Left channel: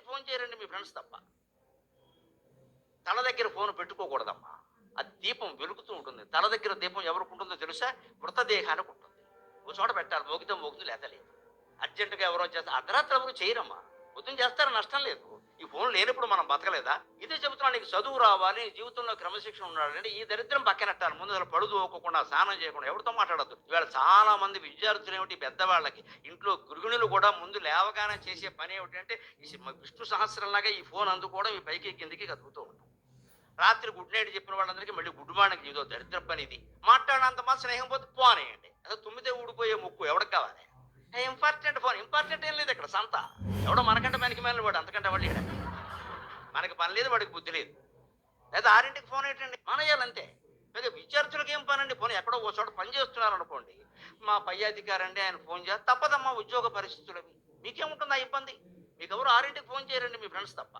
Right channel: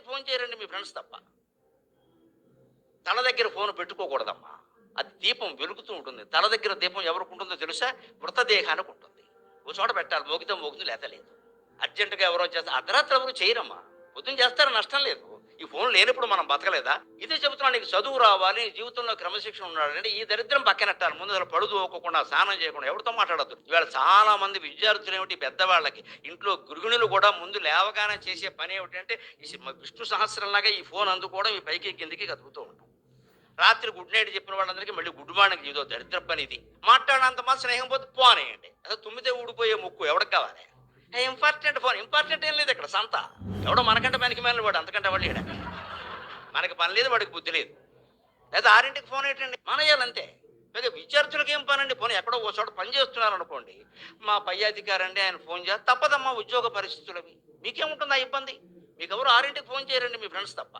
Phone చేయరండి మీ friends తప్ప. తల దగ్గర ఫోన్ పెట్టుకోకూడదమ్మా. అది దీపం వెలుగుతూ ఉంటుంది. తల దగ్గర దీపం ఎవరికి ఉంటుందో తెలుసా? మృతదేహానికి ఉంటుంది. ఓ చోట పెట్టాలి. మోగితే మోగితే లేత లేదు అర్జెంటుగా ఎవరో చేస్తారు అర్ధరాత్రి ఎవరు చేయరమ్మా. పొద్దున్న చేస్తారు? నష్టం లేదు. ఈ ఫోన్ లేనప్పుడు మనం బతకలేదా? ఇదే చెబుతున్నా నీకు చదువు రావాలి జీవితంలో క్రమశిక్షణ ఉండాలంటే ఈ దరిద్రం పక్కనట్టాలి ముందు అసలు పడుదు స్నానం చేయకుండా ఎవరితో మాట్లాడద్దు. ఇవాళ చాలా మంది విద్యార్థులు ఏమిటి పెద్దవాళ్ళకి? ఇంట్లో గృహిణులు కూడా ముందు లేవగానే చేసే పని ఏమిటంటే ఈ విష్ణు సహస్రంలాగా ఈ ఫోన్ అందుకోవడం ఈ పైకి కిందికి కదుపుతూ ఉంటాం. రాత్రి గుడ్ నైట్ చెప్పిన వాళ్ళందరికీ మళ్ళీ గుడ్ మార్నింగ్ ఇదో దరిద్ర పని ఇది మాట్లాడినంత మా స్నేహం పోతే పోనేయండి. అసలు తుమ్మితే ఊడిపోయే ముక్కు ఎవరికి కావాలి? Important phone. ఇంపార్టెంట్ ఏం లేదు ఇక్కడ సంత. ఎవడో మనకంటే పనికి మేలు వాడు అంతకంటే వాడు ఇక్కడ మనకి పని లేదు వాడికి బుద్ధి లేదు. లేదా ఆరింటికి ఫోన్ ఏంటండి మనయ్యాలంతే లేదా విద్యార్థులకు ఏం పనండి? ఫోన్ ఎక్కడో ఓ చోట పని చేస్తున్నారు అనుకోండి మా పై అధికారి అండి ఆయన ఫోన్ చేస్తే. తప్పదమ్మా ఉద్యోగ పరిస్థితులు అవి మీకేముంటుంది ఆ ఇబ్బంది? మీకు ఎవరు ఆరింటికి ఫోన్ చేయరండి మీ ఫ్రెండ్స్ తప్ప.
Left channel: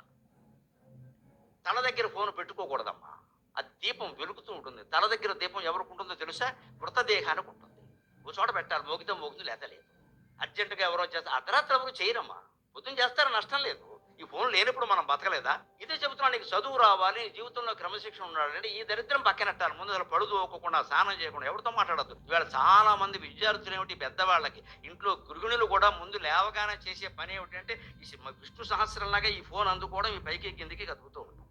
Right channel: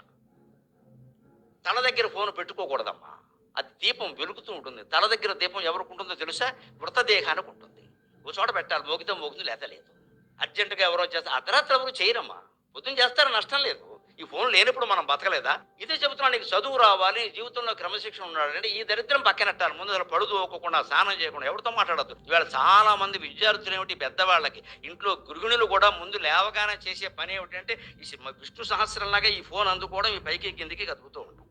తల దగ్గర ఫోన్ పెట్టుకోకూడదమ్మా. అది దీపం వెలుగుతూ ఉంటుంది. తల దగ్గర దీపం ఎవరికి ఉంటుందో తెలుసా? మృతదేహానికి ఉంటుంది. ఓ చోట పెట్టాలి మోగితే మోగుతుంది లేదా లేదు. అర్జెంటుగా ఎవరో చేస్తారు అర్ధరాత్రి ఎవరు చేయరమ్మా. పొద్దున్న చేస్తారు? నష్టం లేదు. ఈ ఫోన్ లేనప్పుడు మనం బతకలేదా? ఇదే చెబుతున్నా నీకు చదువు రావాలి జీవితంలో క్రమశిక్షణ ఉండాలంటే ఈ దరిద్రం పక్కనట్టాలి ముందు అసలు పడుదు స్నానం చేయకుండా ఎవరితో మాట్లాడద్దు. ఇవాళ చాలా మంది విద్యార్థులు ఏమిటి పెద్దవాళ్ళకి ఇంట్లో గృహిణులు కూడా ముందు లేవగానే చేసే పని ఏమిటంటే ఈ విష్ణు సహస్రంలాగా ఈ ఫోన్ అందుకోవడం ఈ పైకి కిందికి కదుపుతూ ఉంటాం.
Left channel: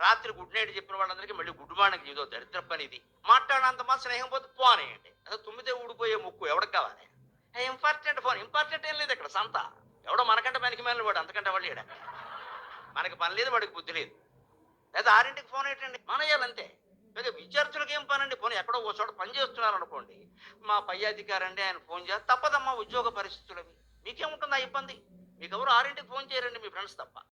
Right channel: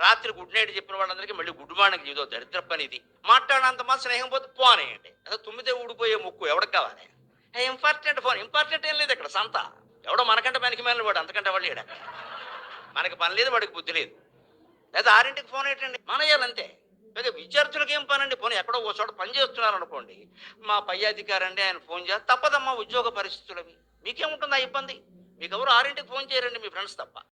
రాత్రి గుడ్ నైట్ చెప్పిన వాళ్ళందరికీ మళ్ళీ గుడ్ మార్నింగ్ ఇదో దరిద్ర పని ఇది మాట్లాడినంత మా స్నేహం పోతే పోనేయండి. అసలు తుమ్మితే ఊడిపోయే ముక్కు ఎవరికి కావాలి? Important phone. ఇంపార్టెంట్ ఏం లేదు ఇక్కడ సంత. ఎవడో మనకంటే పనికి మేలిన వాడు అంతకంటే వాళ్ళు లేడా? మనకి పని లేదు వాడికి బుద్ధి లేదు. లేదా ఆరింటికి ఫోన్ ఏంటండి మనయ్యాలంతే లేదా విద్యార్థులకు ఏం అండి ఫోన్ ఎక్కడో ఓ చోట పని చేస్తున్నారు అనుకోండి మా పై అధికారి అండి ఆయన ఫోన్ చేస్తే తప్పదమ్మా ఉద్యోగ పరిస్థితులవి. మీకేముంటుంది ఆ ఇబ్బంది? మీకు ఎవరు ఆరింటికి ఫోన్ చేయరండి మీ ఫ్రెండ్స్ తప్ప.